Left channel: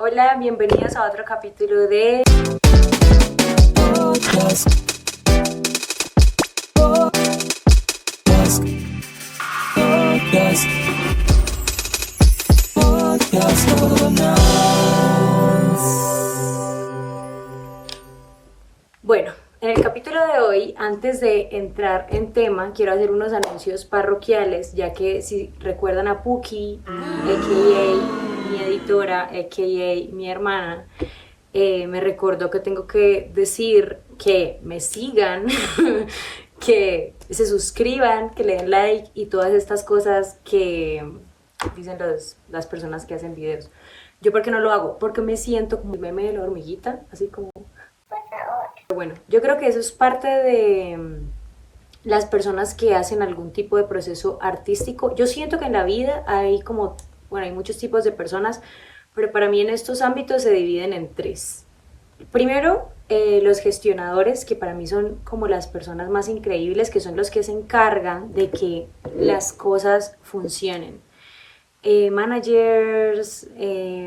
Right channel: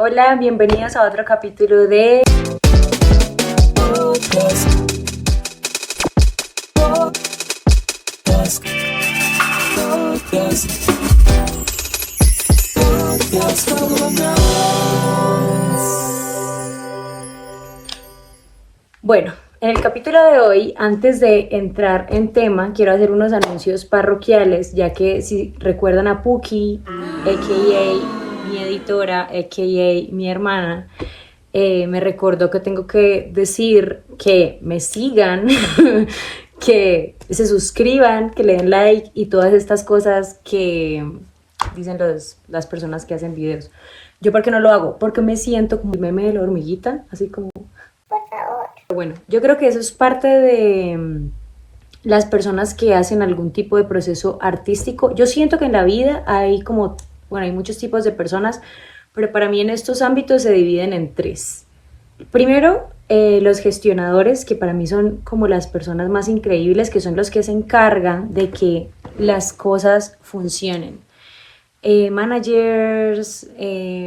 Hola, bienvenidos a otro capítulo de Bueno, en el capítulo de hoy, antes de entrar en tema, quiero hacer unos anuncios parroquiales, ya que si recuerdan a Puki, a.k.a. mi editora, a.k.a. mi hermana, me recordó que tengo que decir que me sigan, que se suscriban, que le den like y todas estas cosas que dicen las personas que hacen videos. ¿Yo por qué no lo hago? Porque me siento como el meme de la hormiguita, así como... Bueno, yo creo que eso es parte de las personas que hacen algún tipo de proceso artístico. Yo siento que en la vida hay como, bueno, hay muchos tipos de personas, pero para mí en estos ámbitos se dividen en tres. Primero, los gestionadores, que para mí son como las personas más increíbles, que son los que se encargan de que las cosas funcionen. Managers,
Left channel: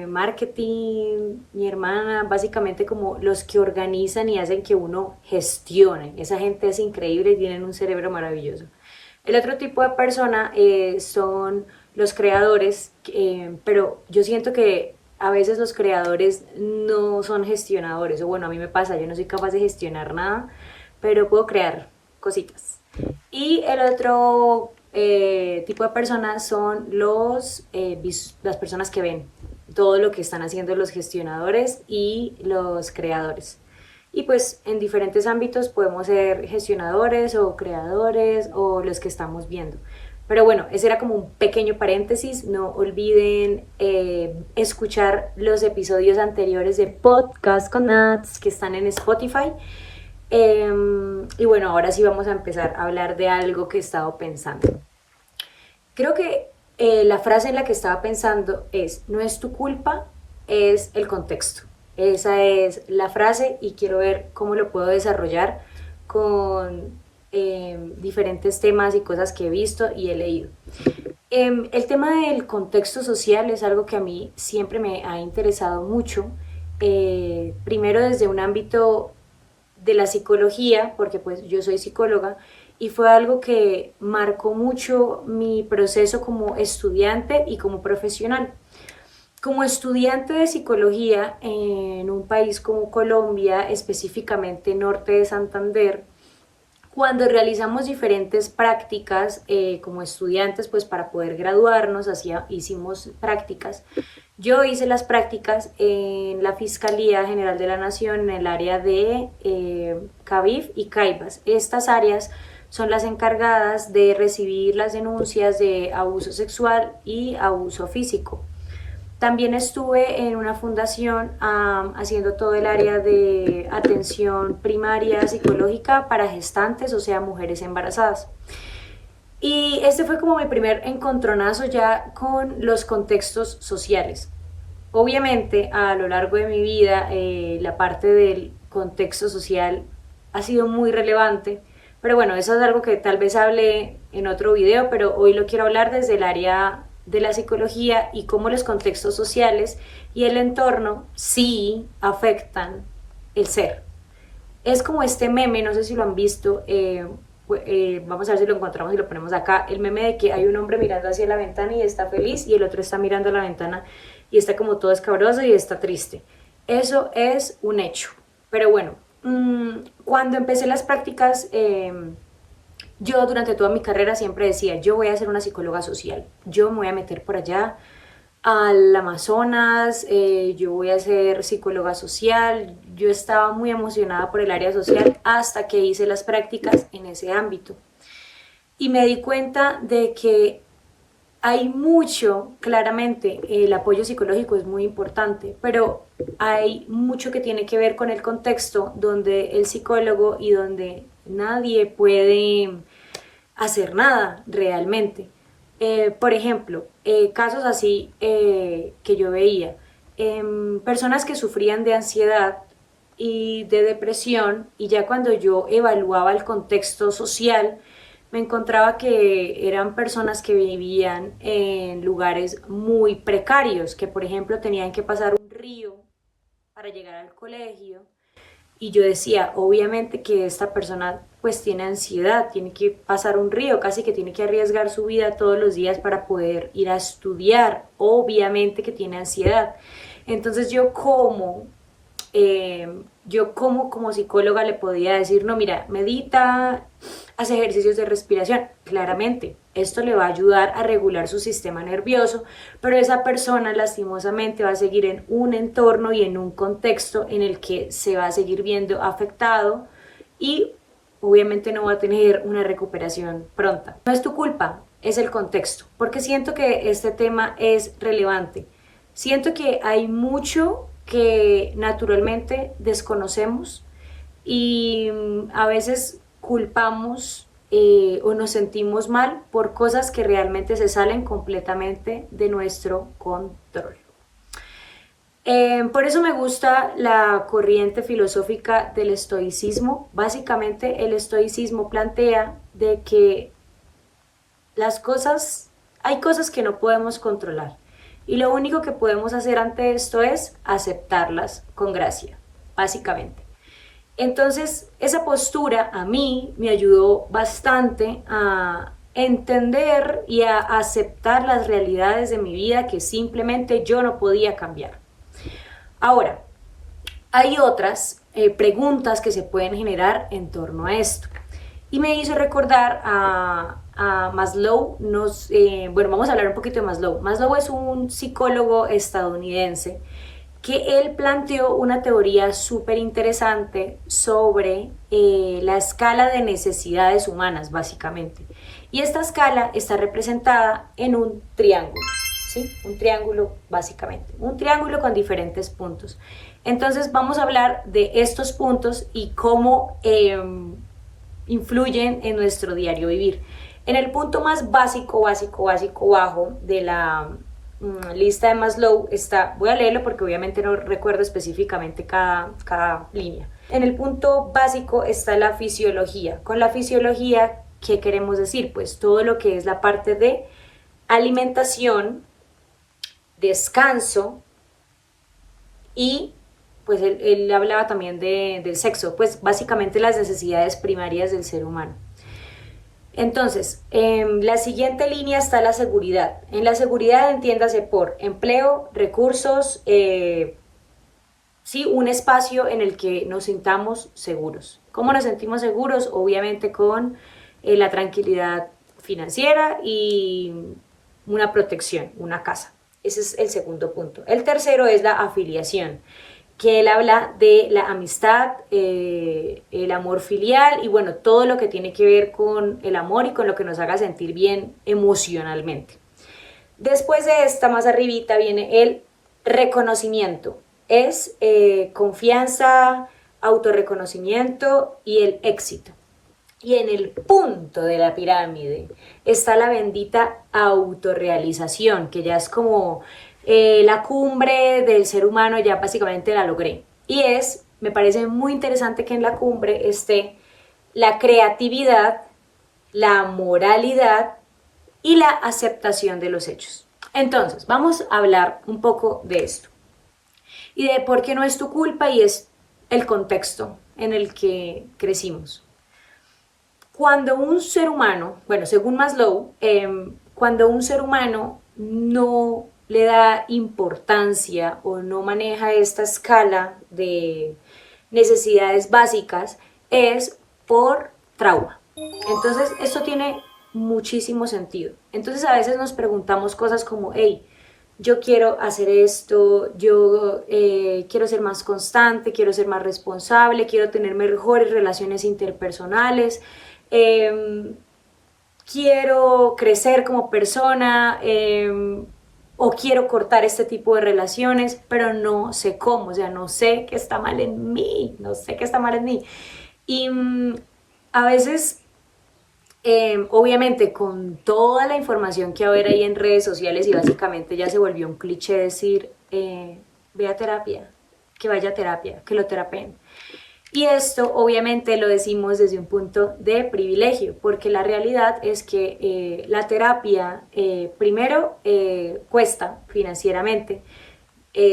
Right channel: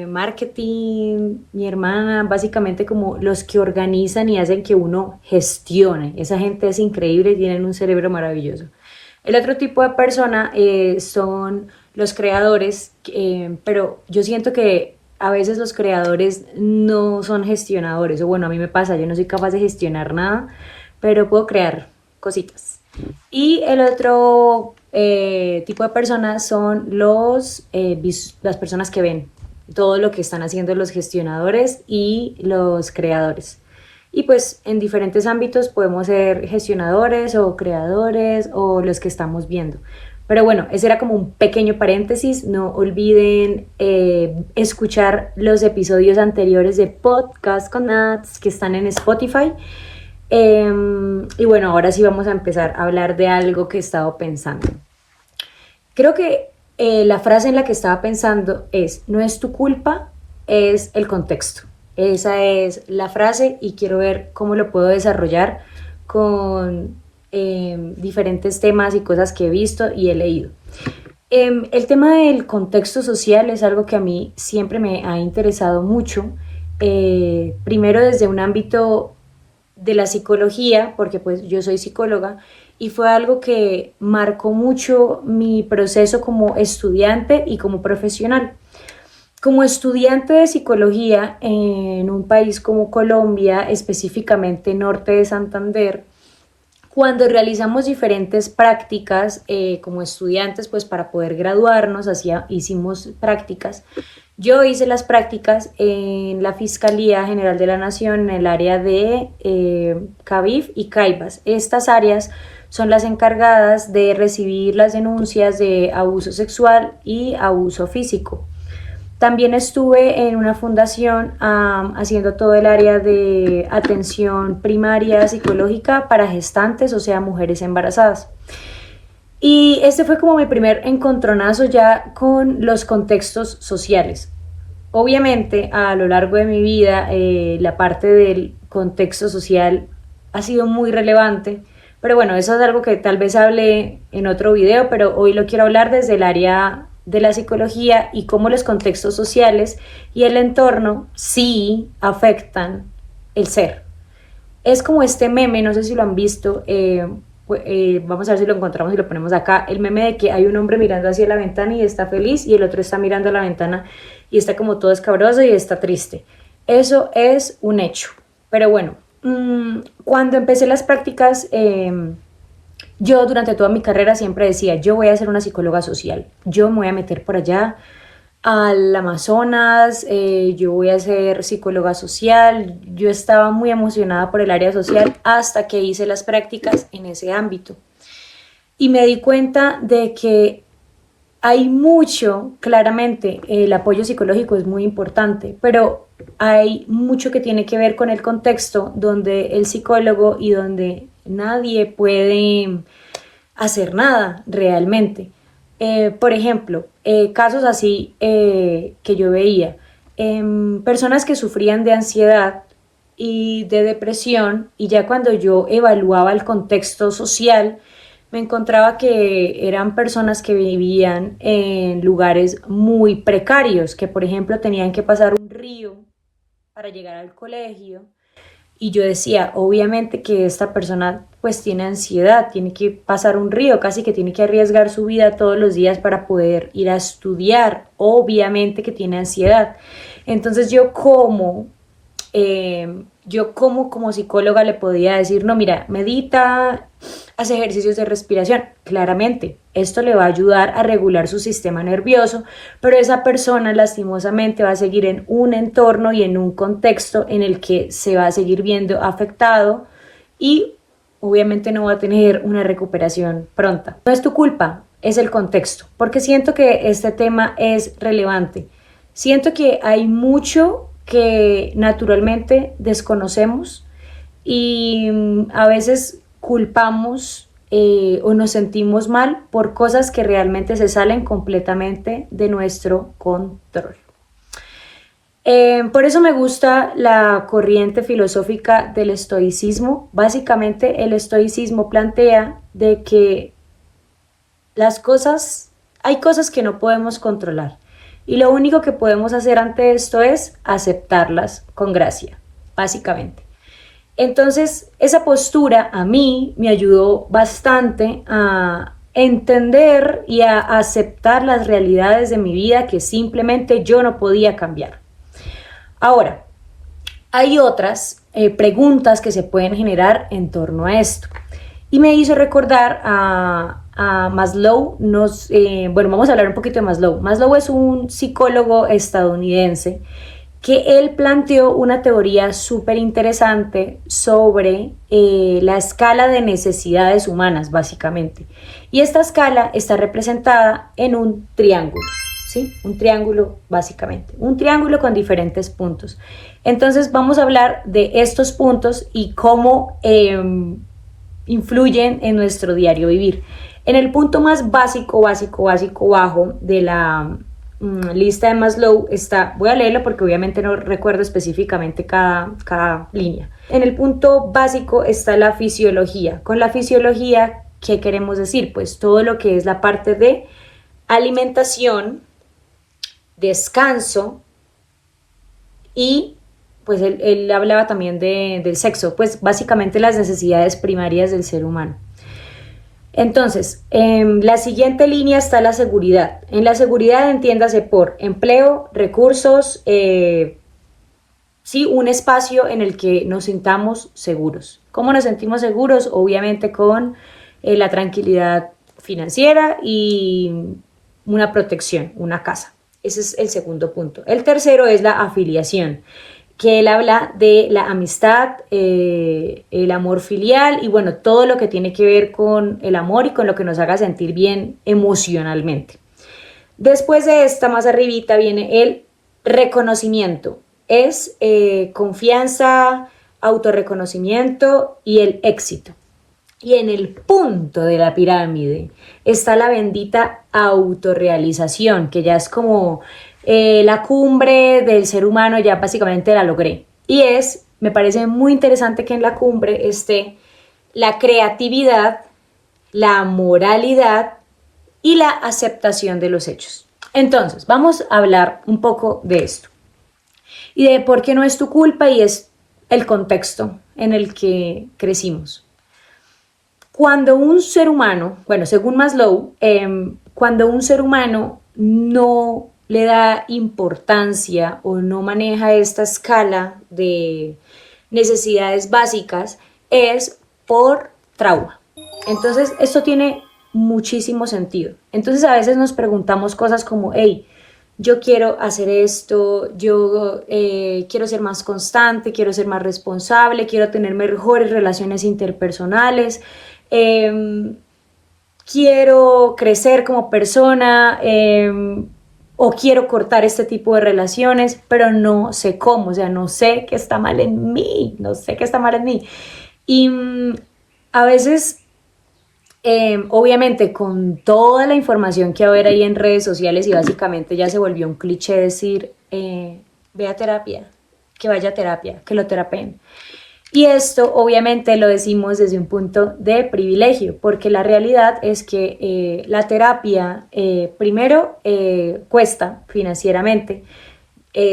marketing, mi hermana, básicamente como los que organizan y hacen que uno gestione. Esa gente es increíble y tienen un cerebro maravilloso. El otro tipo de persona son los creadores, pero yo siento que a veces los creadores no son gestionadores, o bueno, a mí me pasa, yo no soy capaz de gestionar nada, pero puedo crear cositas. Y el otro tipo de personas son las personas que ven todo lo que están haciendo los gestionadores y los creadores. Y pues en diferentes ámbitos podemos ser gestionadores o creadores o los que estamos viendo. Pero bueno, ese era como un pequeño paréntesis. No olviden escuchar los episodios anteriores de Podcast con Nats que están en Spotify. Y bueno, ahora sí vamos a empezar a hablar de algo que he estado pensando. Creo que la frase en la que estaba pensando es, no es tu culpa, es el contexto. Esa es la frase y quiero ver cómo lo puedo desarrollar con diferentes temas y cosas que he visto y he leído. El tema del contexto social es algo que a mí siempre me ha interesado mucho. Primero desde un ámbito de la psicología, porque pues yo soy psicóloga, y fue algo que marcó mucho mi proceso como estudiante y como profesional. Como estudiante de psicología en un país como Colombia, específicamente norte de Santander, cuando realizamos diferentes prácticas como estudiantes, pues para poder graduarnos, hicimos prácticas. Yo hice las prácticas en la Fiscalía General de la Nación en el área de CAVIF y CAIBAS. Estas áreas son las encargadas de recibir las denuncias de abuso sexual y abuso físico. También estuve en una fundación haciendo todo el área de atención primaria psicológica para gestantes, o sea, mujeres embarazadas. Y este fue como mi primer encontronazo ya con los contextos sociales. Obviamente, a lo largo de mi vida, la parte del contexto social ha sido muy relevante, pero bueno, eso es algo que tal vez hable en otro video, pero hoy lo quiero hablar desde el área de la psicología y cómo los contextos sociales y el entorno sí afectan el ser. Es como este meme, no sé si lo han visto, vamos a ver si lo encontramos y lo ponemos acá, el meme de que hay un hombre mirando hacia la ventana y está feliz y el otro está mirando a la ventana y está como todo escabroso y está triste. Eso es un hecho. Pero bueno, cuando empecé las prácticas, yo durante toda mi carrera siempre decía, yo voy a ser una psicóloga social, yo me voy a meter por allá al Amazonas, yo voy a ser psicóloga social, yo estaba muy emocionada por el área social hasta que hice las prácticas en ese ámbito. Y me di cuenta de que hay mucho, claramente, el apoyo psicológico es muy importante, pero hay mucho que tiene que ver con el contexto donde el psicólogo y donde nadie puede hacer nada realmente. Por ejemplo, casos así que yo veía, personas que sufrían de ansiedad y de depresión y ya cuando yo evaluaba el contexto social, me encontraba que eran personas que vivían en lugares muy precarios, que por ejemplo tenían que pasar un río para llegar al colegio. Y yo decía, obviamente que esta persona pues tiene ansiedad, tiene que pasar un río, casi que tiene que arriesgar su vida todos los días para poder ir a estudiar, obviamente que tiene ansiedad. Entonces yo como psicóloga le podía decir, no, mira, medita, haz ejercicios de respiración, claramente. Esto le va a ayudar a regular su sistema nervioso, pero esa persona lastimosamente va a seguir en un entorno y en un contexto en el que se va a seguir viendo afectado y obviamente no va a tener una recuperación pronta. No es tu culpa, es el contexto, porque siento que este tema es relevante. Siento que hay mucho que naturalmente desconocemos y a veces culpamos o nos sentimos mal por cosas que realmente se salen completamente de nuestro control. Por eso me gusta la corriente filosófica del estoicismo. Básicamente el estoicismo plantea de que hay cosas que no podemos controlar y lo único que podemos hacer ante esto es aceptarlas con gracia, básicamente. Entonces, esa postura a mí me ayudó bastante a entender y a aceptar las realidades de mi vida que simplemente yo no podía cambiar. Ahora, hay otras preguntas que se pueden generar en torno a esto. Y me hizo recordar a Maslow. Bueno, vamos a hablar un poquito de Maslow. Maslow es un psicólogo estadounidense que él planteó una teoría súper interesante sobre la escala de necesidades humanas, básicamente. Y esta escala está representada en un triángulo, ¿sí? Un triángulo, básicamente. Un triángulo con diferentes puntos. Entonces vamos a hablar de estos puntos y cómo influyen en nuestro diario vivir. En el punto más básico, bajo de la lista de Maslow está, voy a leerlo porque obviamente no recuerdo específicamente cada línea. En el punto básico está la fisiología. Con la fisiología, ¿qué queremos decir? Pues todo lo que es la parte de alimentación, descanso y pues él hablaba también del sexo, pues básicamente las necesidades primarias del ser humano. Entonces, en la siguiente línea está la seguridad. En la seguridad entiéndase por empleo, recursos, sí, un espacio en el que nos sintamos seguros. ¿Cómo nos sentimos seguros? Obviamente con la tranquilidad financiera y una protección, una casa. Ese es el segundo punto. El tercero es la afiliación, que él habla de la amistad, el amor filial y bueno, todo lo que tiene que ver con el amor y con lo que nos haga sentir bien emocionalmente. Después de esta, más arribita, viene el reconocimiento. Es confianza, autorreconocimiento y el éxito. Y en el punto de la pirámide está la bendita autorrealización, que ya es como la cumbre del ser humano, ya básicamente la logré. Y me parece muy interesante que en la cumbre esté la creatividad, la moralidad y la aceptación de los hechos. Entonces, vamos a hablar un poco de esto y de por qué no es tu culpa y es el contexto en el que crecimos. Cuando un ser humano, bueno, según Maslow, cuando un ser humano no le da importancia o no maneja esta escala de necesidades básicas, es por trauma. Entonces, esto tiene muchísimo sentido. Entonces, a veces nos preguntamos cosas como, hey, yo quiero hacer esto, yo quiero ser más constante, quiero ser más responsable, quiero tener mejores relaciones interpersonales, quiero crecer como persona o quiero cortar este tipo de relaciones, pero no sé cómo, o sea, no sé qué está mal en mí, no sé qué está mal en mí. Y a veces, obviamente, con toda la información que ahora hay en redes sociales y básicamente ya se volvió un cliché decir, ve a terapia, que vaya a terapia, que lo terapeen. Y esto obviamente lo decimos desde un punto de privilegio, porque la realidad es que la terapia primero cuesta financieramente,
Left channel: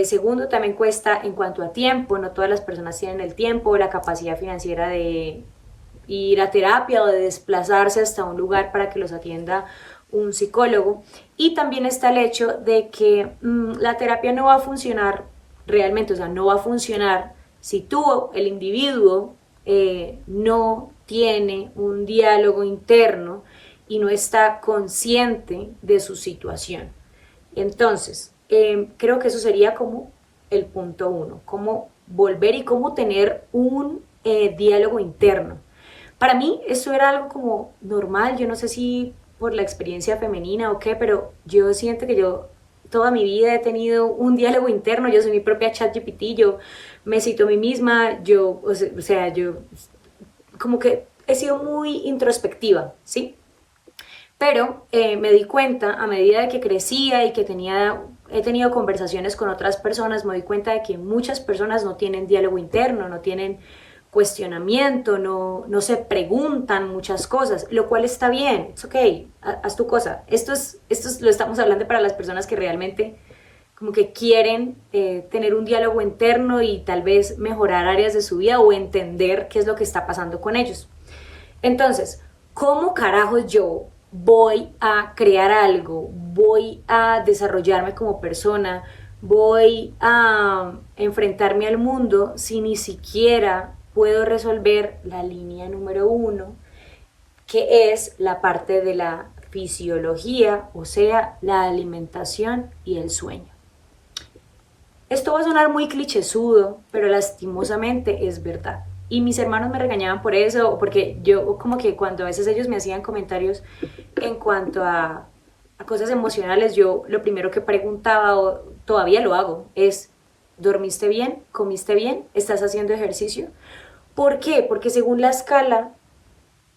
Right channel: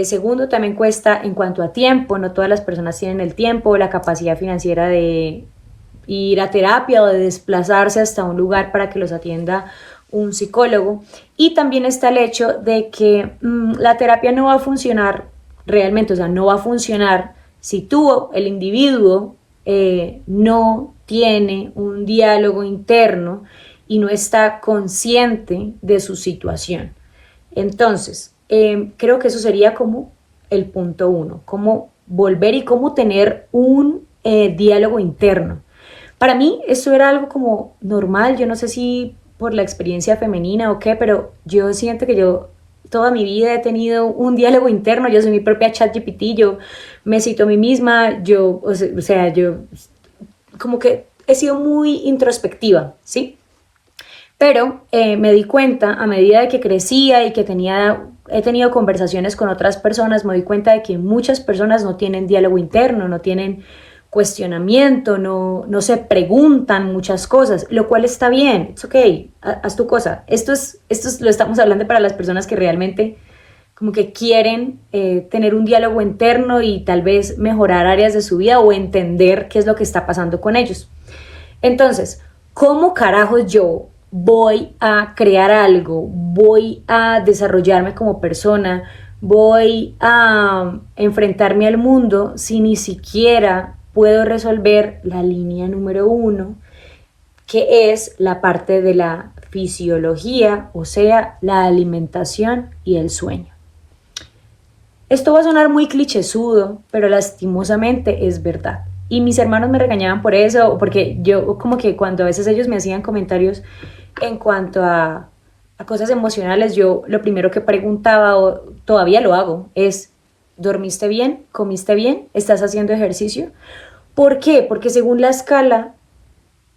segundo también cuesta en cuanto a tiempo, no todas las personas tienen el tiempo o la capacidad financiera de ir a terapia o de desplazarse hasta un lugar para que los atienda un psicólogo. Y también está el hecho de que la terapia no va a funcionar realmente, o sea, no va a funcionar si tú, el individuo, no tiene un diálogo interno y no está consciente de su situación. Entonces, creo que eso sería como el punto uno, cómo volver y cómo tener un diálogo interno. Para mí eso era algo como normal, yo no sé si por la experiencia femenina o qué, pero yo siento que yo toda mi vida he tenido un diálogo interno, yo soy mi propia ChatGPT, yo me cito a mí misma, yo, o sea, yo como que he sido muy introspectiva, ¿sí? Pero me di cuenta a medida de que crecía y que he tenido conversaciones con otras personas, me di cuenta de que muchas personas no tienen diálogo interno, no tienen cuestionamiento, no se preguntan muchas cosas, lo cual está bien, es ok, haz tu cosa. Lo estamos hablando para las personas que realmente como que quieren tener un diálogo interno y tal vez mejorar áreas de su vida o entender qué es lo que está pasando con ellos. Entonces, ¿cómo carajos yo voy a crear algo? Voy a desarrollarme como persona, voy a enfrentarme al mundo si ni siquiera puedo resolver la línea número uno, que es la parte de la fisiología, o sea, la alimentación y el sueño. Esto va a sonar muy clichésudo, pero lastimosamente es verdad. Y mis hermanos me regañaban por eso, porque yo como que cuando a veces ellos me hacían comentarios en cuanto a cosas emocionales, yo lo primero que preguntaba, o todavía lo hago, es, ¿dormiste bien? ¿Comiste bien? ¿Estás haciendo ejercicio? ¿Por qué? Porque según la escala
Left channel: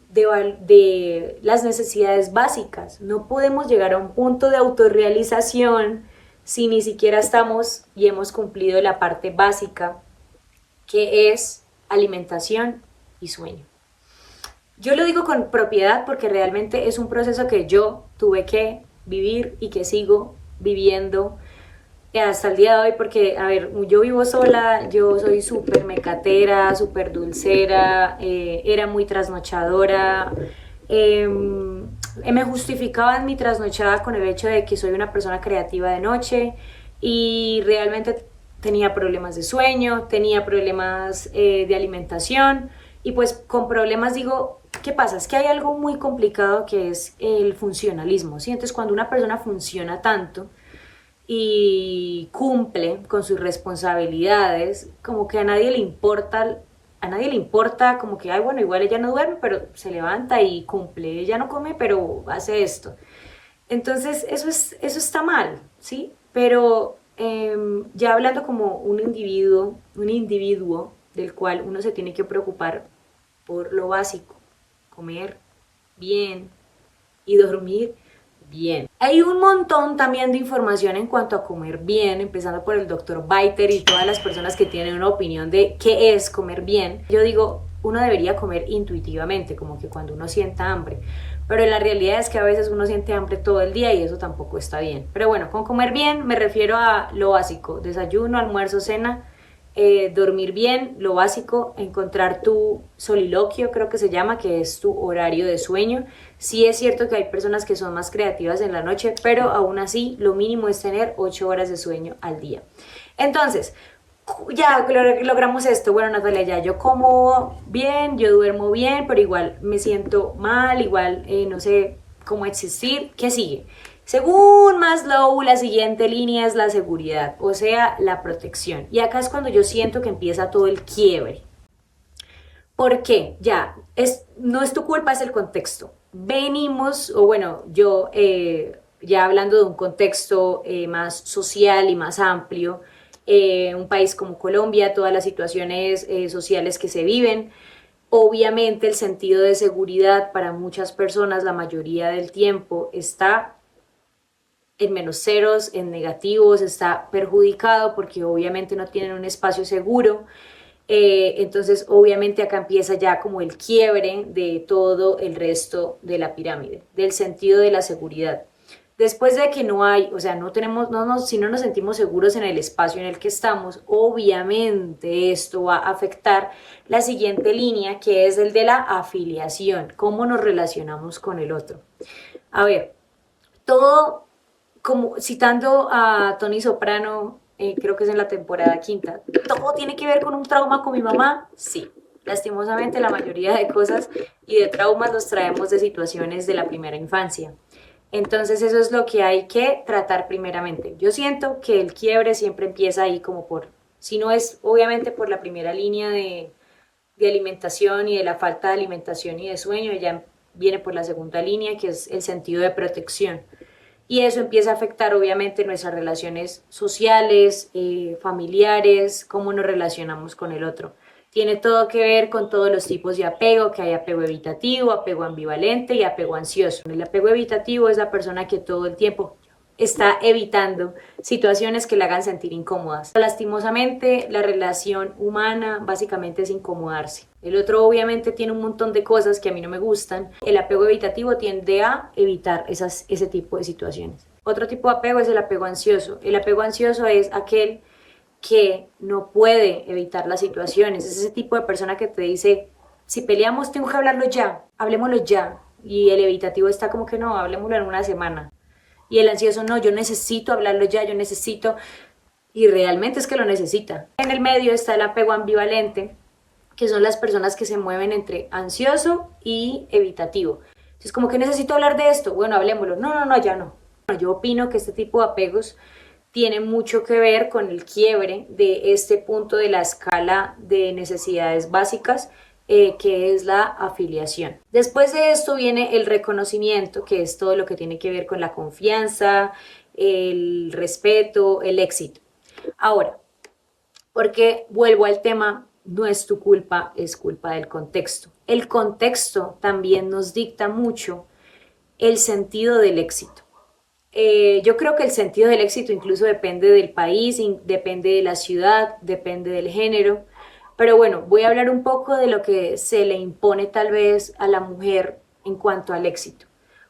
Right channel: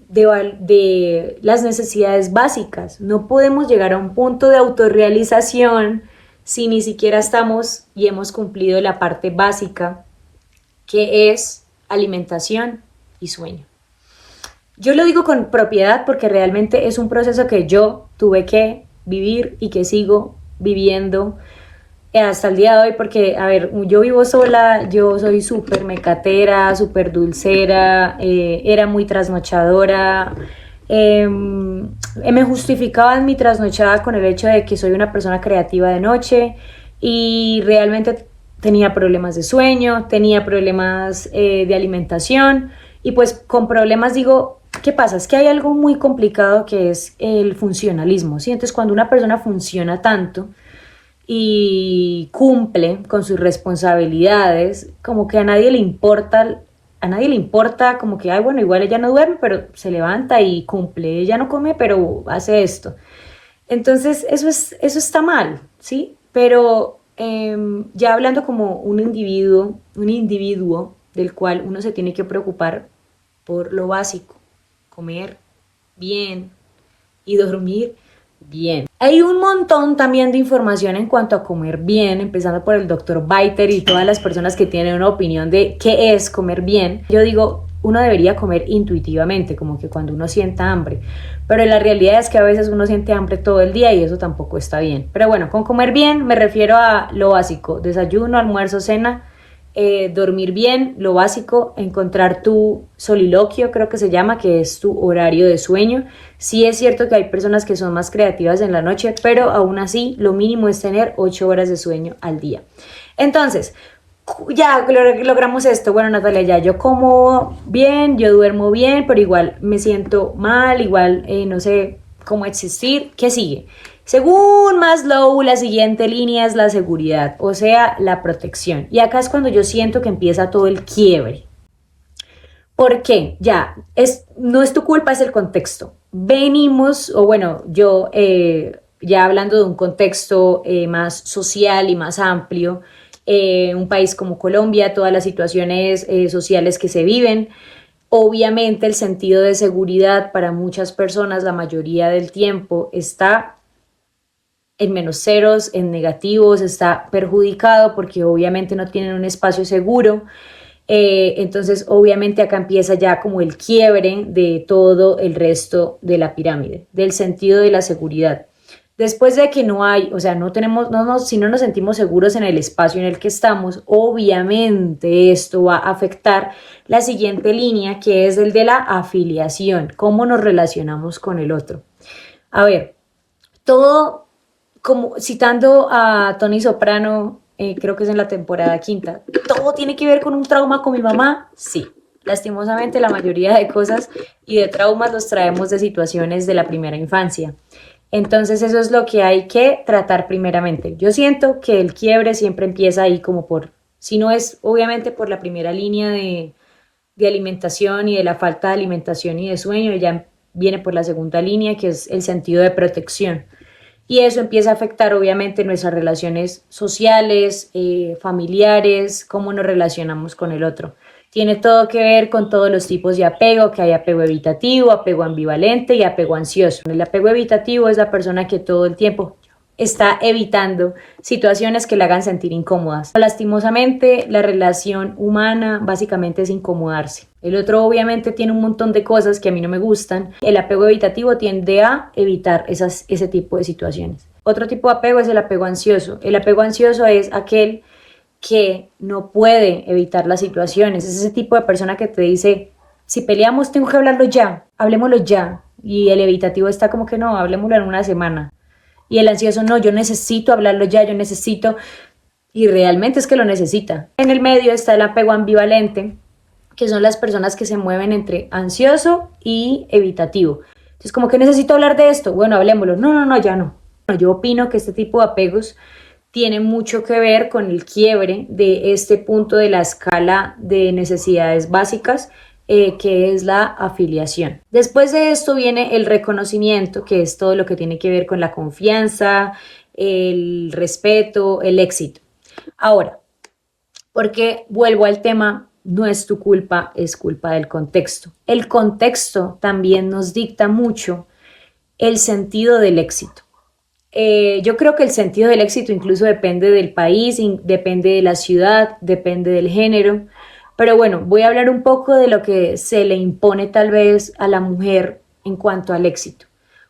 de las necesidades básicas, no podemos llegar a un punto de autorrealización si ni siquiera estamos y hemos cumplido la parte básica, que es alimentación y sueño. Yo lo digo con propiedad porque realmente es un proceso que yo tuve que vivir y que sigo viviendo hasta el día de hoy porque, a ver, yo vivo sola, yo soy súper mecatera, súper dulcera, era muy trasnochadora, me justificaba en mi trasnochada con el hecho de que soy una persona creativa de noche y realmente tenía problemas de sueño, tenía problemas de alimentación y pues con problemas digo, ¿qué pasa? Es que hay algo muy complicado que es el funcionalismo, ¿sí? Entonces cuando una persona funciona tanto y cumple con sus responsabilidades, como que a nadie le importa como que, ay, bueno, igual ella no duerme, pero se levanta y cumple, ella no come, pero hace esto. Entonces, eso está mal, ¿sí? Pero ya hablando como un individuo del cual uno se tiene que preocupar por lo básico, comer bien y dormir bien. Hay un montón también de información en cuanto a comer bien, empezando por el doctor Biter y todas las personas que tienen una opinión de qué es comer bien. Yo digo, uno debería comer intuitivamente, como que cuando uno sienta hambre. Pero la realidad es que a veces uno siente hambre todo el día y eso tampoco está bien. Pero bueno, con comer bien me refiero a lo básico, desayuno, almuerzo, cena, dormir bien, lo básico, encontrar tu soliloquio, creo que se llama, que es tu horario de sueño. Sí es cierto que hay personas que son más creativas en la noche, pero aún así lo mínimo es tener 8 horas de sueño al día. Entonces, ya logramos esto. Bueno, Natalia, ya yo como bien, yo duermo bien, pero igual me siento mal, igual no sé cómo existir. ¿Qué sigue? Según Maslow, la siguiente línea es la seguridad, o sea, la protección. Y acá es cuando yo siento que empieza todo el quiebre. ¿Por qué? Ya, no es tu culpa, es el contexto. Venimos, o bueno, yo ya hablando de un contexto más social y más amplio, un país como Colombia, todas las situaciones sociales que se viven, obviamente el sentido de seguridad para muchas personas la mayoría del tiempo está en menos ceros, en negativos, está perjudicado porque obviamente no tienen un espacio seguro. Entonces, obviamente acá empieza ya como el quiebre de todo el resto de la pirámide, del sentido de la seguridad. Después de que no hay, o sea, no tenemos, si no nos sentimos seguros en el espacio en el que estamos, obviamente esto va a afectar la siguiente línea, que es el de la afiliación, cómo nos relacionamos con el otro. A ver, todo, como citando a Tony Soprano, creo que es en la temporada quinta, ¿todo tiene que ver con un trauma con mi mamá? Sí. Lastimosamente la mayoría de cosas y de traumas los traemos de situaciones de la primera infancia. Entonces eso es lo que hay que tratar primeramente. Yo siento que el quiebre siempre empieza ahí como por, si no es obviamente por la primera línea de alimentación y de la falta de alimentación y de sueño, ya viene por la segunda línea que es el sentido de protección. Y eso empieza a afectar obviamente nuestras relaciones sociales, familiares, cómo nos relacionamos con el otro. Tiene todo que ver con todos los tipos de apego, que hay apego evitativo, apego ambivalente y apego ansioso. El apego evitativo es la persona que todo el tiempo está evitando situaciones que le hagan sentir incómodas. Lastimosamente, la relación humana básicamente es incomodarse. El otro obviamente tiene un montón de cosas que a mí no me gustan. El apego evitativo tiende a evitar ese tipo de situaciones. Otro tipo de apego es el apego ansioso. El apego ansioso es aquel que no puede evitar las situaciones. Es ese tipo de persona que te dice, si peleamos tengo que hablarlo ya, hablemoslo ya. Y el evitativo está como que no, hablemoslo en una semana. Y el ansioso, no, yo necesito hablarlo ya, yo necesito, y realmente es que lo necesita. En el medio está el apego ambivalente, que son las personas que se mueven entre ansioso y evitativo. Entonces, como que necesito hablar de esto, bueno, hablemoslo. No, no, no, ya no. Yo opino que este tipo de apegos tiene mucho que ver con el quiebre de este punto de la escala de necesidades básicas, que es la afiliación. Después de esto viene el reconocimiento, que es todo lo que tiene que ver con la confianza, el respeto, el éxito. Ahora, porque vuelvo al tema, no es tu culpa, es culpa del contexto. El contexto también nos dicta mucho el sentido del éxito. Yo creo que el sentido del éxito incluso depende del país, depende de la ciudad, depende del género. Pero bueno, voy a hablar un poco de lo que se le impone tal vez a la mujer en cuanto al éxito.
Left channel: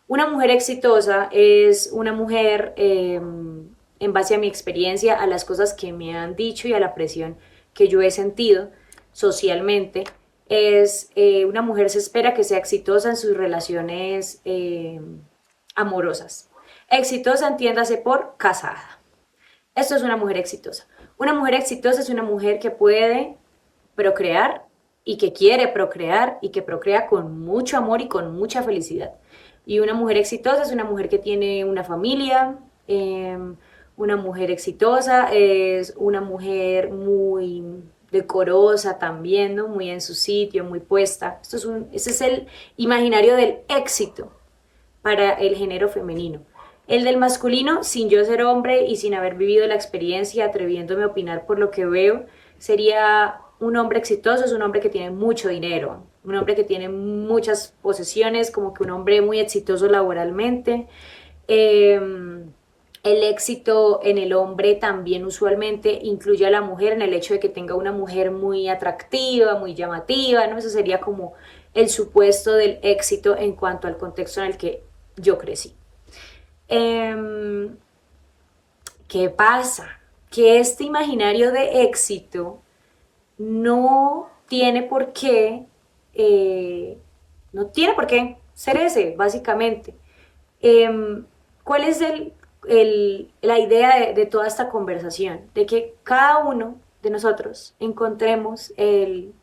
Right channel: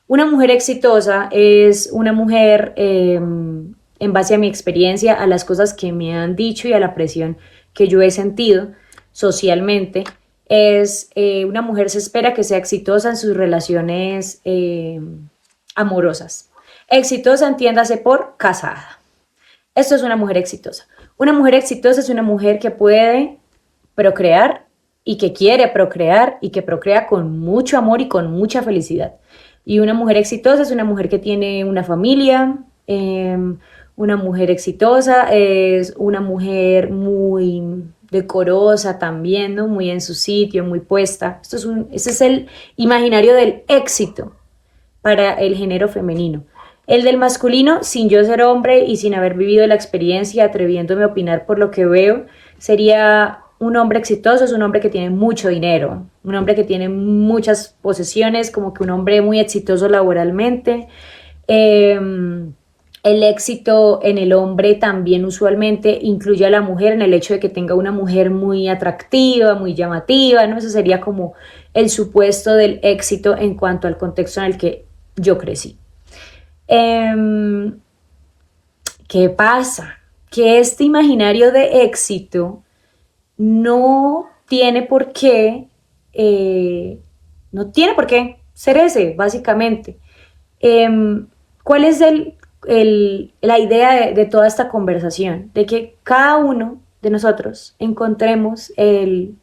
Una mujer exitosa es una mujer, en base a mi experiencia, a las cosas que me han dicho y a la presión que yo he sentido socialmente, es una mujer se espera que sea exitosa en sus relaciones amorosas. Exitosa, entiéndase por casada. Esto es una mujer exitosa. Una mujer exitosa es una mujer que puede procrear y que quiere procrear y que procrea con mucho amor y con mucha felicidad. Y una mujer exitosa es una mujer que tiene una familia. Una mujer exitosa es una mujer muy decorosa también, ¿no? Muy en su sitio, muy puesta. Este es el imaginario del éxito para el género femenino. El del masculino, sin yo ser hombre y sin haber vivido la experiencia, atreviéndome a opinar por lo que veo, sería un hombre exitoso, es un hombre que tiene mucho dinero, un hombre que tiene muchas posesiones, como que un hombre muy exitoso laboralmente. El éxito en el hombre también usualmente incluye a la mujer en el hecho de que tenga una mujer muy atractiva, muy llamativa, ¿no? Eso sería como el supuesto del éxito en cuanto al contexto en el que yo crecí. ¿Qué pasa? Que este imaginario de éxito no tiene por qué, no tiene por qué ser ese, básicamente. ¿Cuál es la idea de toda esta conversación? De que cada uno de nosotros encontremos el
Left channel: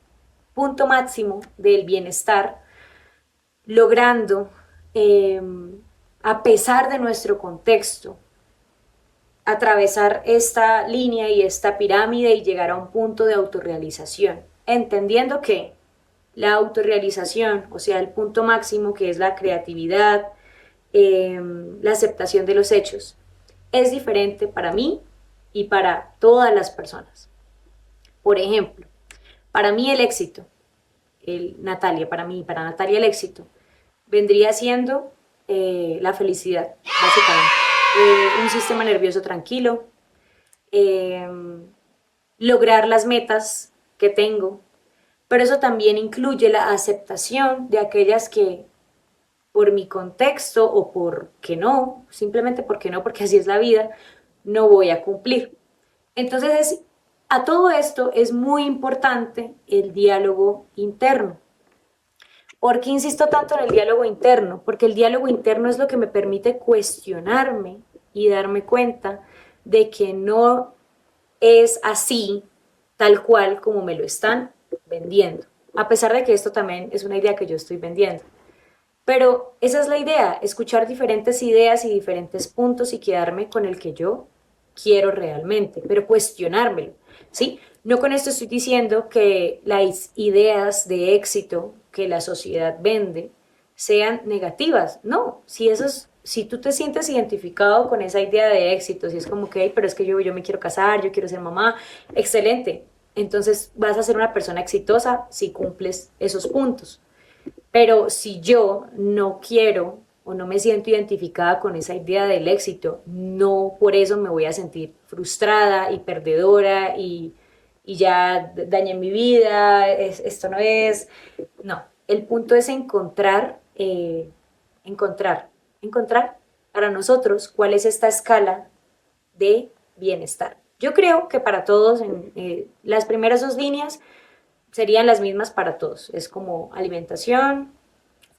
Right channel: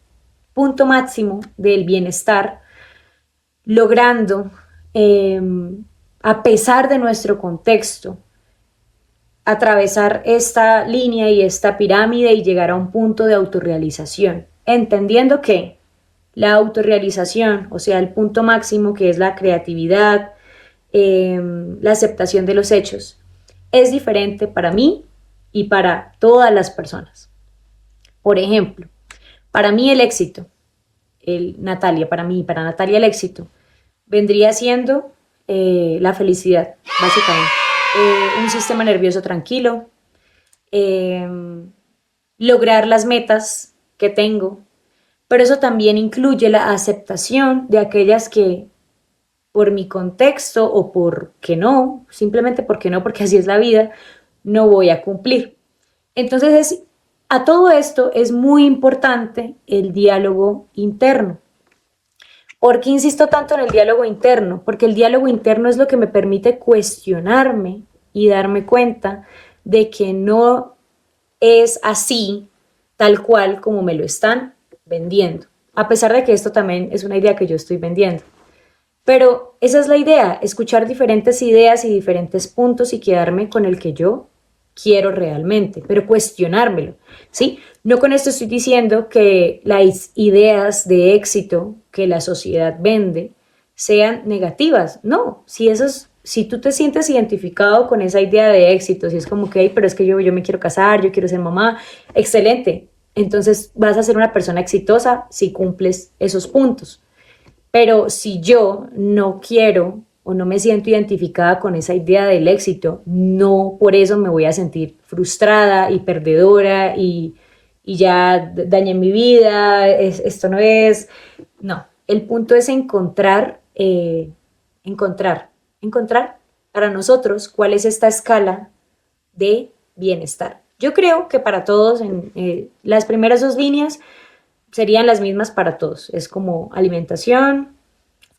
punto máximo del bienestar, logrando, a pesar de nuestro contexto, atravesar esta línea y esta pirámide y llegar a un punto de autorrealización, entendiendo que la autorrealización, o sea, el punto máximo que es la creatividad, la aceptación de los hechos, es diferente para mí y para todas las personas. Por ejemplo, para mí el éxito, para Natalia el éxito, vendría siendo la felicidad, básicamente. Un sistema nervioso tranquilo, lograr las metas que tengo, pero eso también incluye la aceptación de aquellas que por mi contexto o porque no, simplemente porque no, porque así es la vida, no voy a cumplir. Entonces, a todo esto es muy importante el diálogo interno. ¿Por qué insisto tanto en el diálogo interno? Porque el diálogo interno es lo que me permite cuestionarme y darme cuenta de que no es así, tal cual como me lo están vendiendo. A pesar de que esto también es una idea que yo estoy vendiendo. Pero esa es la idea, escuchar diferentes ideas y diferentes puntos y quedarme con el que yo quiero realmente, pero cuestionármelo, ¿sí? No con esto estoy diciendo que las ideas de éxito que la sociedad vende sean negativas, no, si tú te sientes identificado con esa idea de éxito, si es como que, pero es que yo me quiero casar, yo quiero ser mamá, excelente, entonces vas a ser una persona exitosa si cumples esos puntos. Pero si yo no quiero o no me siento identificada con esa idea del éxito, no por eso me voy a sentir frustrada y perdedora y ya dañé mi vida, esto no es. No, el punto es encontrar para nosotros cuál es esta escala de bienestar. Yo creo que para todos, en las primeras dos líneas serían las mismas para todos. Es como alimentación,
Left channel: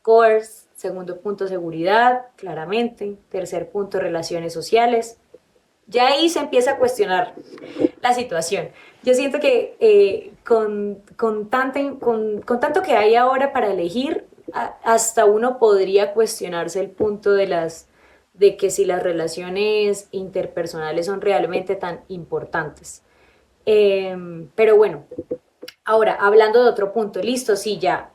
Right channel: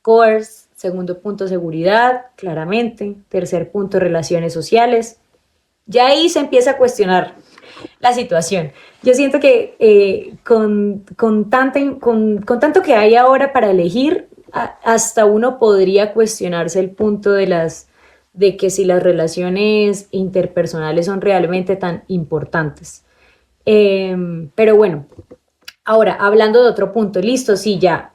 coerce, segundo punto seguridad, claramente, tercer punto relaciones sociales. Ya ahí se empieza a cuestionar la situación. Yo siento que con tanto que hay ahora para elegir, hasta uno podría cuestionarse el punto de que si las relaciones interpersonales son realmente tan importantes. Pero bueno, ahora, hablando de otro punto, listo, sí, ya,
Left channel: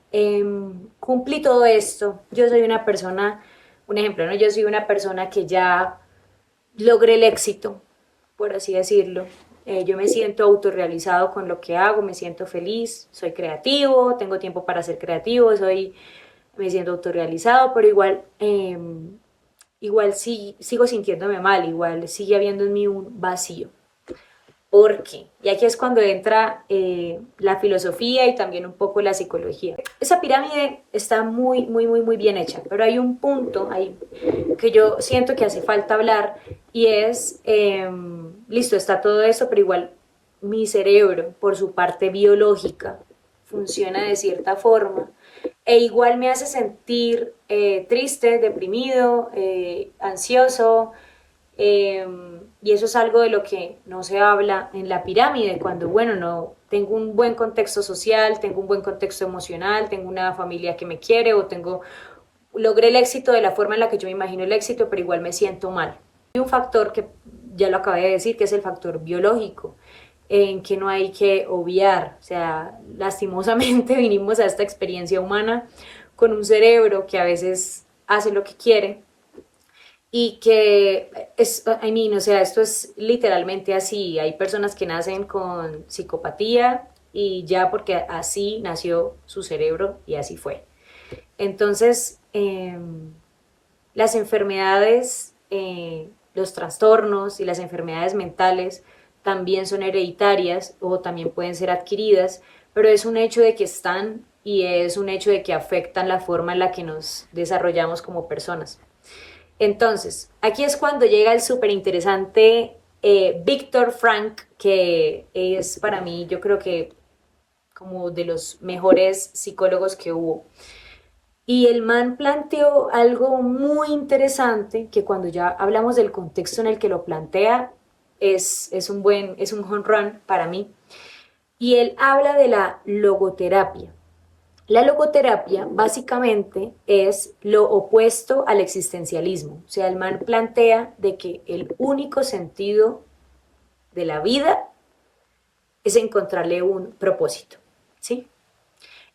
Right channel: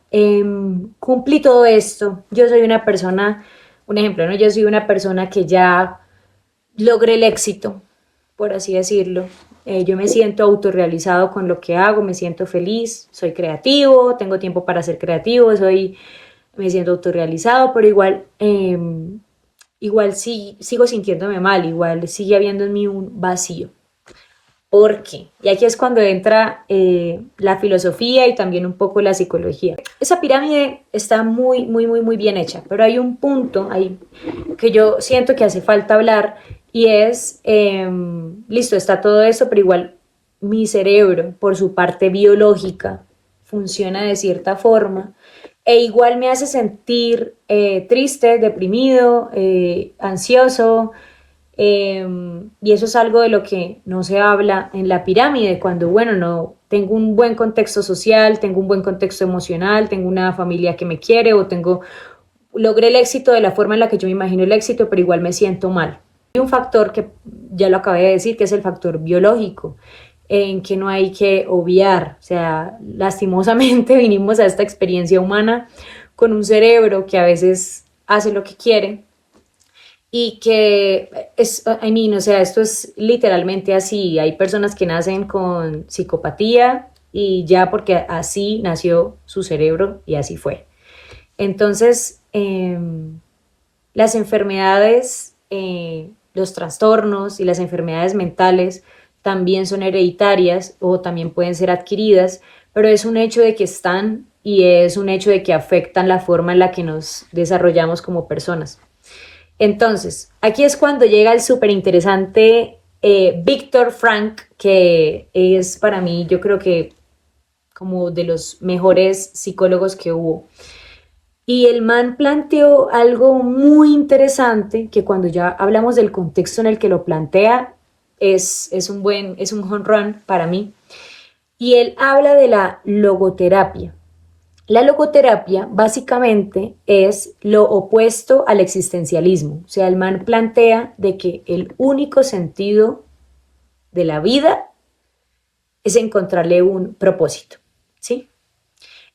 cumplí todo esto. Yo soy una persona, un ejemplo, ¿no? Yo soy una persona que ya logré el éxito, por así decirlo. Yo me siento autorrealizado con lo que hago, me siento feliz, soy creativo, tengo tiempo para ser creativo, me siento autorrealizado, pero igual sí, sigo sintiéndome mal, igual sigue habiendo en mí un vacío. ¿Por qué? Y aquí es cuando entra la filosofía y también un poco la psicología. Esa pirámide está muy, muy, muy, muy bien hecha, pero hay un punto ahí que yo siento que hace falta hablar y es, listo, está todo eso, pero igual mi cerebro, por su parte biológica, funciona de cierta forma e igual me hace sentir triste, deprimido, ansioso, y eso es algo de lo que no se habla en la pirámide, cuando, bueno, no tengo un buen contexto social, tengo un buen contexto emocional, tengo una familia que me quiere o logré el éxito de la forma en la que yo me imagino el éxito, pero igual me siento mal. Hay un factor que ya lo acabé de decir, que es el factor biológico, en que no hay que obviar. O sea, lastimosamente vinimos a esta experiencia humana con un cerebro que a veces hace lo que quiere y que o sea, esto es literalmente así. Hay personas que nacen con psicopatía y ya porque así nació su cerebro y así fue. Entonces, las enfermedades, los trastornos y las enfermedades mentales también son hereditarias o también pueden ser adquiridas, pero es un hecho de que están y es un hecho de que afectan la forma en la que nos desarrollamos como personas. Entonces, aquí es cuando llega el súper interesante Viktor Frank, que es para mí, yo creo que como de los mejores psicólogos que hubo. Y el man planteó algo muy interesante que cuando ya hablamos del contexto en el que lo plantea, es un home run para mí. Y él habla de la logoterapia. La logoterapia básicamente es lo opuesto al existencialismo. O sea, el man plantea de que el único sentido de la vida es encontrarle un propósito, ¿sí?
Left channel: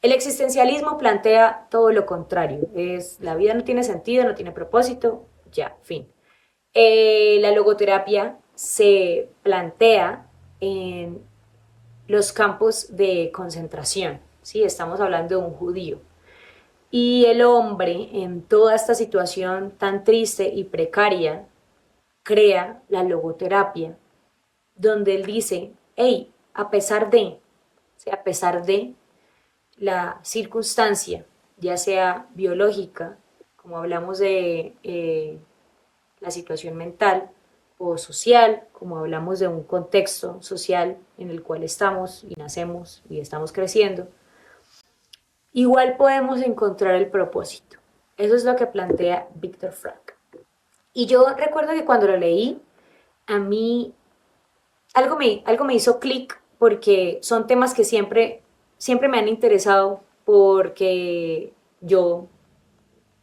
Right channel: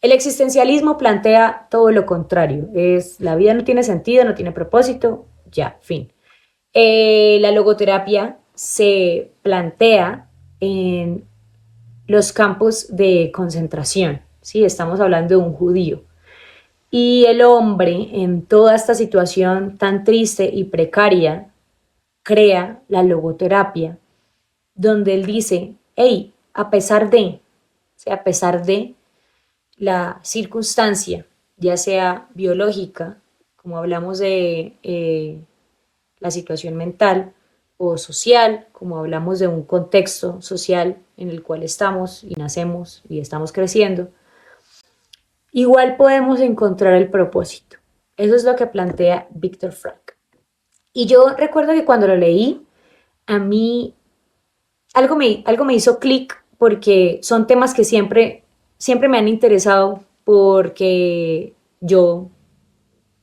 El existencialismo plantea todo lo contrario. Es la vida no tiene sentido, no tiene propósito, ya, fin. La logoterapia se plantea en los campos de concentración, ¿sí? Estamos hablando de un judío. Y el hombre, en toda esta situación tan triste y precaria, crea la logoterapia, donde él dice, hey, a pesar de, sea, a pesar de la circunstancia, ya sea biológica, como hablamos de la situación mental, o social, como hablamos de un contexto social en el cual estamos y nacemos y estamos creciendo, igual podemos encontrar el propósito. Eso es lo que plantea Viktor Frankl. Y yo recuerdo que cuando lo leí, a mí algo me hizo clic porque son temas que siempre me han interesado porque yo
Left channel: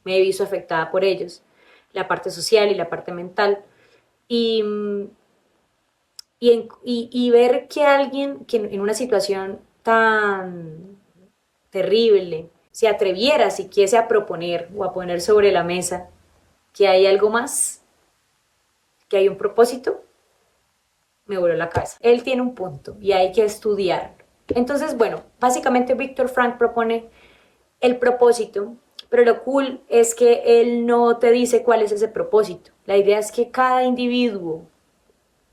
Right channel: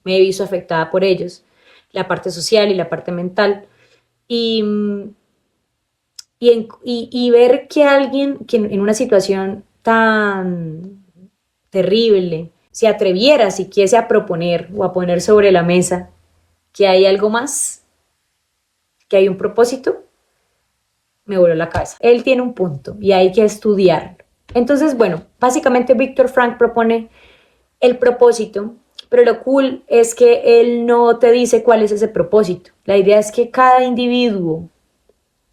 me he visto afectada por ellos, la parte social y la parte mental. Y, y ver que alguien que en una situación tan terrible se atreviera siquiera a proponer o a poner sobre la mesa que hay algo más, que hay un propósito, me voló la cabeza. Él tiene un punto y hay que estudiarlo. Entonces, bueno, básicamente Viktor Frankl propone el propósito, pero lo cool es que él no te dice cuál es ese propósito. La idea es que cada individuo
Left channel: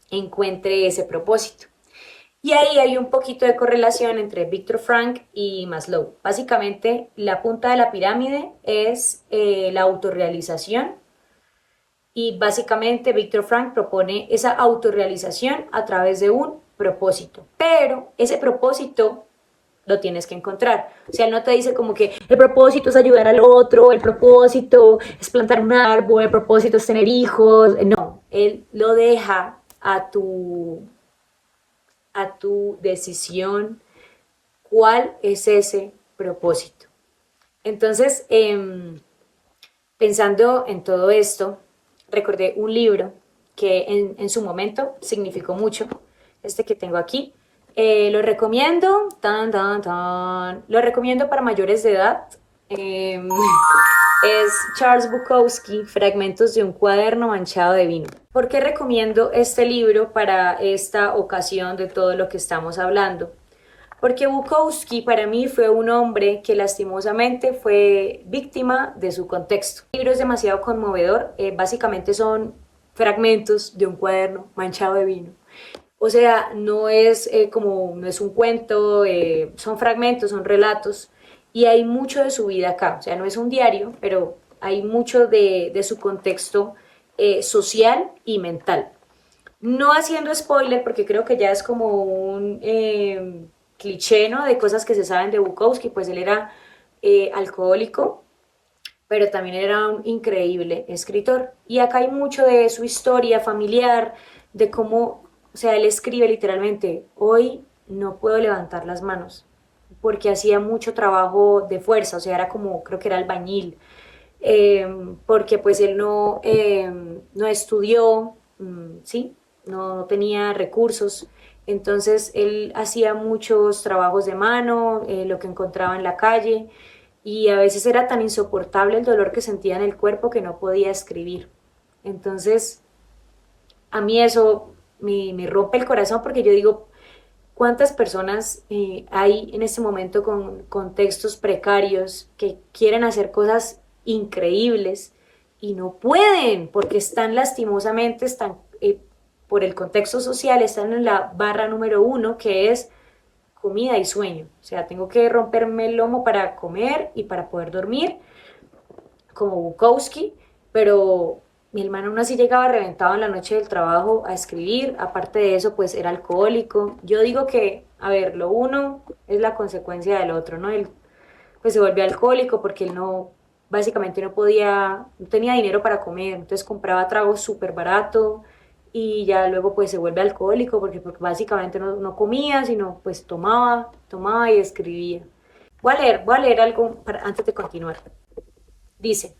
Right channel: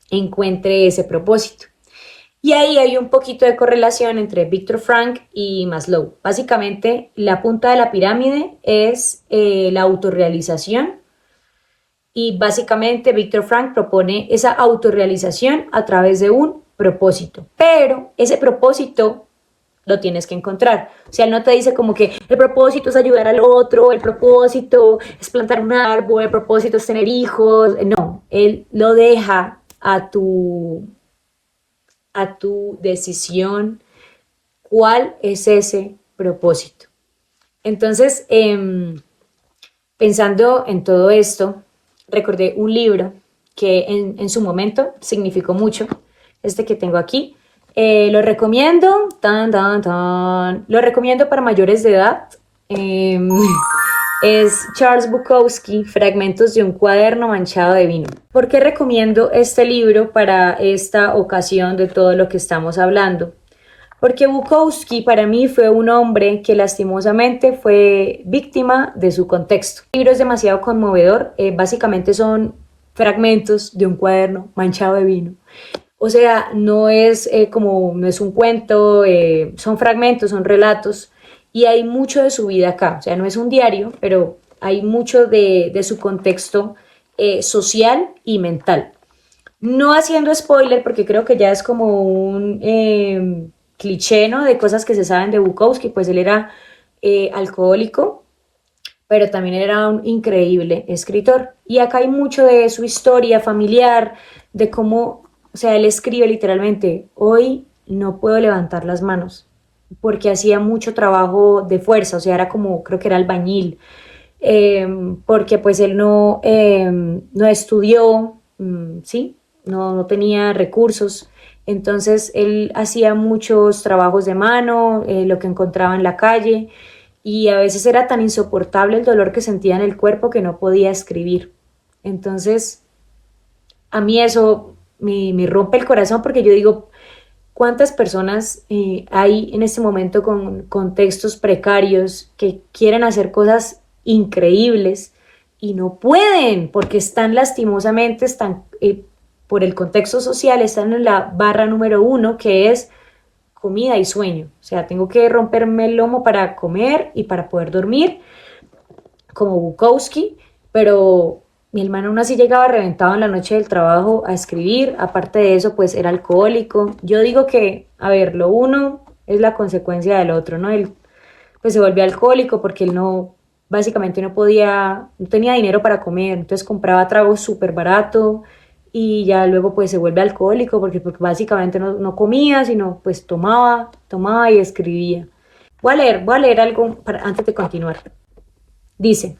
encuentre ese propósito. Y ahí hay un poquito de correlación entre Viktor Frankl y Maslow. Básicamente, la punta de la pirámide es la autorrealización y básicamente Viktor Frankl propone esa autorrealización a través de un propósito. Pero ese propósito lo tienes que encontrar. O sea, él no te dice como que el propósito es ayudar al otro, el propósito es plantar un árbol, el propósito es tener hijos. No, él lo deja a tu decisión cuál es ese propósito. Entonces, pensando en todo esto, recordé un libro que en su momento significó mucho, este que tengo aquí. Lo recomiendo, lo recomiendo para mayores de edad. Es Charles Bukowski, Fragmentos de un cuaderno manchado de vino. ¿Por qué recomiendo este libro para esta ocasión de todo lo que estamos hablando? Porque Bukowski para mí fue un hombre que lastimosamente fue víctima de su contexto. El libro es demasiado conmovedor, básicamente son fragmentos de un cuaderno manchado de vino. O sea, no es no es un cuento, son fragmentos, son relatos y hay mucho de su vida acá. O sea, no es un diario, pero hay mucho de su contexto social y mental. No haciendo spoiler, porque creo que ya es como un cliché, ¿no? De cosas que se saben de Bukowski, pues él era alcohólico, pero también era un increíble escritor. Y acá hay mucho de su historia familiar, de cómo, o sea, él escribe literalmente, hoy no puedo levantar las manos, porque hacía mucho trabajo de fuerza, o sea, era como, creo que era albañil, porque pues él no estudió, ¿sí? No tenía recursos, entonces él hacía muchos trabajos de mano, lo que encontraba en la calle, y a veces era tan insoportable el dolor que sentía en el cuerpo que no podía escribir. Entonces, a mí eso me rompe el corazón porque yo digo, ¿cuántas personas hay en este momento con contextos precarios que quieren hacer cosas increíbles y no pueden porque están lastimosamente, están por el contexto social, están en la barra número 1 que es comida y sueño? O sea, tengo que romperme el lomo para comer y para poder dormir, como Bukowski, pero mi hermano aún así llegaba reventado en la noche del trabajo a escribir. Aparte de eso, pues era alcohólico. Yo digo que, a ver, lo uno es la consecuencia del otro, ¿no? Él pues se volvió alcohólico porque él no, básicamente no tenía dinero para comer, entonces compraba tragos súper barato y ya luego pues se vuelve alcohólico porque básicamente no comía, sino pues tomaba y escribía. Voy a leer algo antes de continuar. Dice,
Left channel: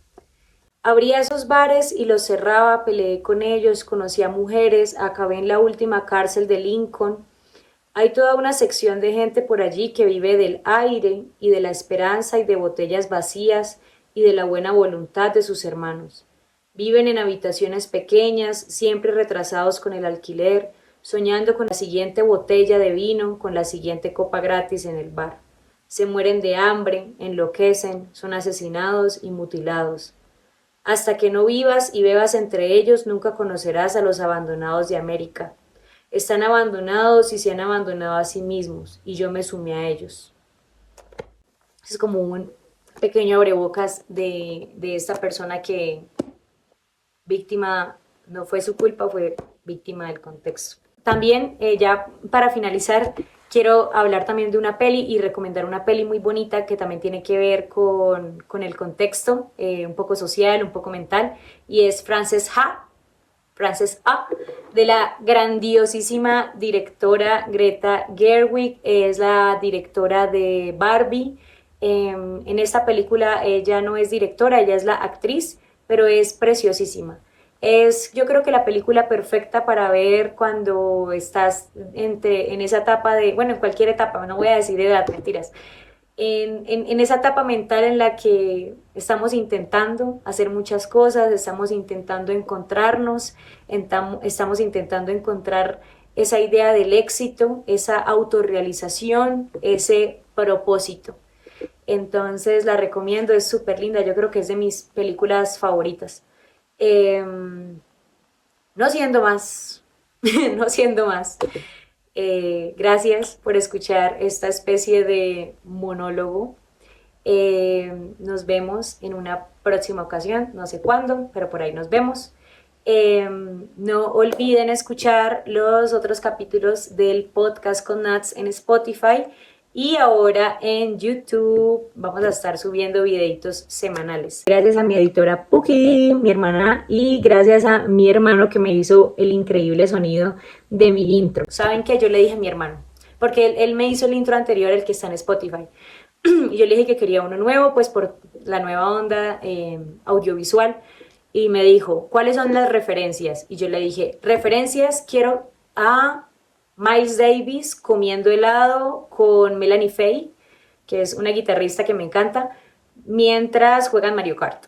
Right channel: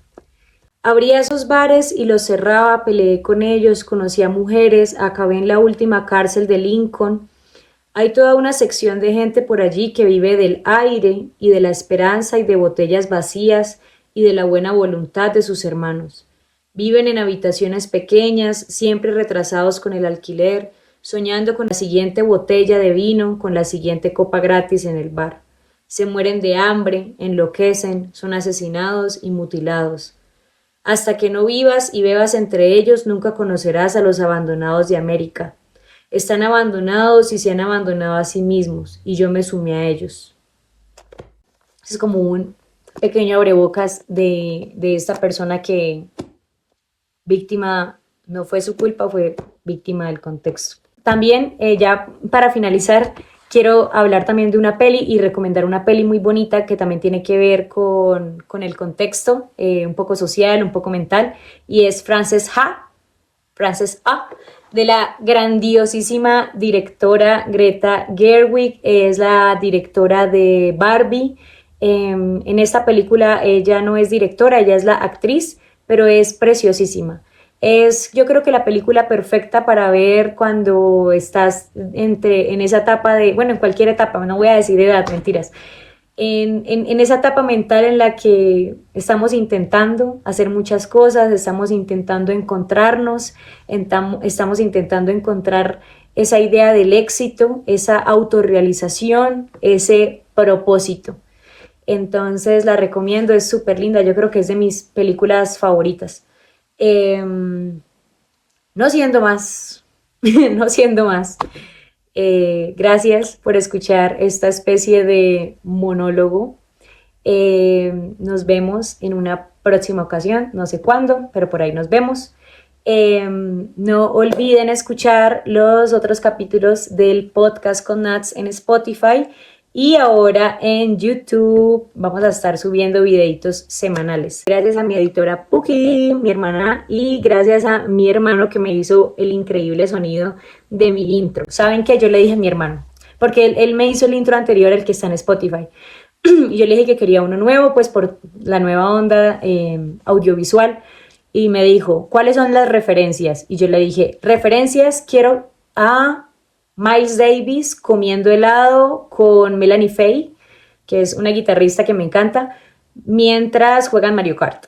abría esos bares y los cerraba, peleé con ellos, conocí a mujeres, acabé en la última cárcel de Lincoln. Hay toda una sección de gente por allí que vive del aire y de la esperanza y de botellas vacías y de la buena voluntad de sus hermanos. Viven en habitaciones pequeñas, siempre retrasados con el alquiler, soñando con la siguiente botella de vino, con la siguiente copa gratis en el bar. Se mueren de hambre, enloquecen, son asesinados y mutilados. Hasta que no vivas y bebas entre ellos, nunca conocerás a los abandonados de América. Están abandonados y se han abandonado a sí mismos, y yo me sumé a ellos. Es como un pequeño abrebocas de esta persona que víctima, no fue su culpa, fue víctima del contexto. También, ya para finalizar, quiero hablar también de una peli y recomendar una peli muy bonita que también tiene que ver con el contexto, un poco social, un poco mental, y es Frances Ha, de la grandiosísima directora Greta Gerwig. Es la directora de Barbie. En esta película ella no es directora, ella es la actriz, pero es preciosísima. Es, yo creo que la película perfecta para ver cuando estás en esa etapa de, bueno, en cualquier etapa, no voy a decir edad, mentiras, en esa etapa mental en la que estamos intentando hacer muchas cosas, estamos intentando encontrarnos, estamos intentando encontrar esa idea del éxito, esa autorrealización, ese propósito. Entonces la recomiendo, es súper linda, yo creo que es de mis películas favoritas. No siendo más, no siendo más. Gracias por escuchar esta especie de monólogo. Nos vemos en una próxima ocasión, no sé cuándo, pero por ahí nos vemos. No olviden escuchar los otros capítulos del podcast con Nats en Spotify, y ahora en YouTube vamos a estar subiendo videitos semanales. Gracias a mi editora Puki, mi hermana, y gracias a mi hermano que me hizo el increíble sonido de mi intro. ¿Saben qué? Yo le dije a mi hermano, porque él me hizo el intro anterior, el que está en Spotify. Y yo le dije que quería uno nuevo, pues por la nueva onda audiovisual. Y me dijo, ¿cuáles son las referencias? Y yo le dije, referencias, quiero a Miles Davis comiendo helado con Melanie Faye, que es una guitarrista que me encanta, mientras juegan Mario Kart.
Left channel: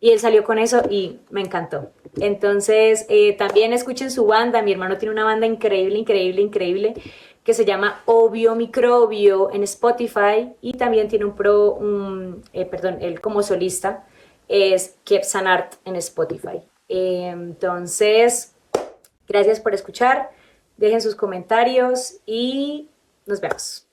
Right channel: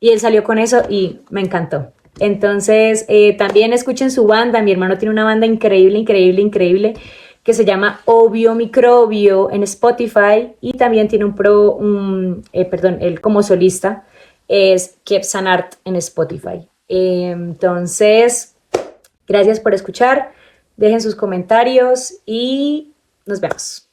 Y él salió con eso y me encantó. Entonces, también escuchen su banda. Mi hermano tiene una banda increíble, increíble, increíble, que se llama Obvio Microbio en Spotify, y también tiene él como solista es Kepsanart en Spotify. Entonces, gracias por escuchar, dejen sus comentarios y nos vemos.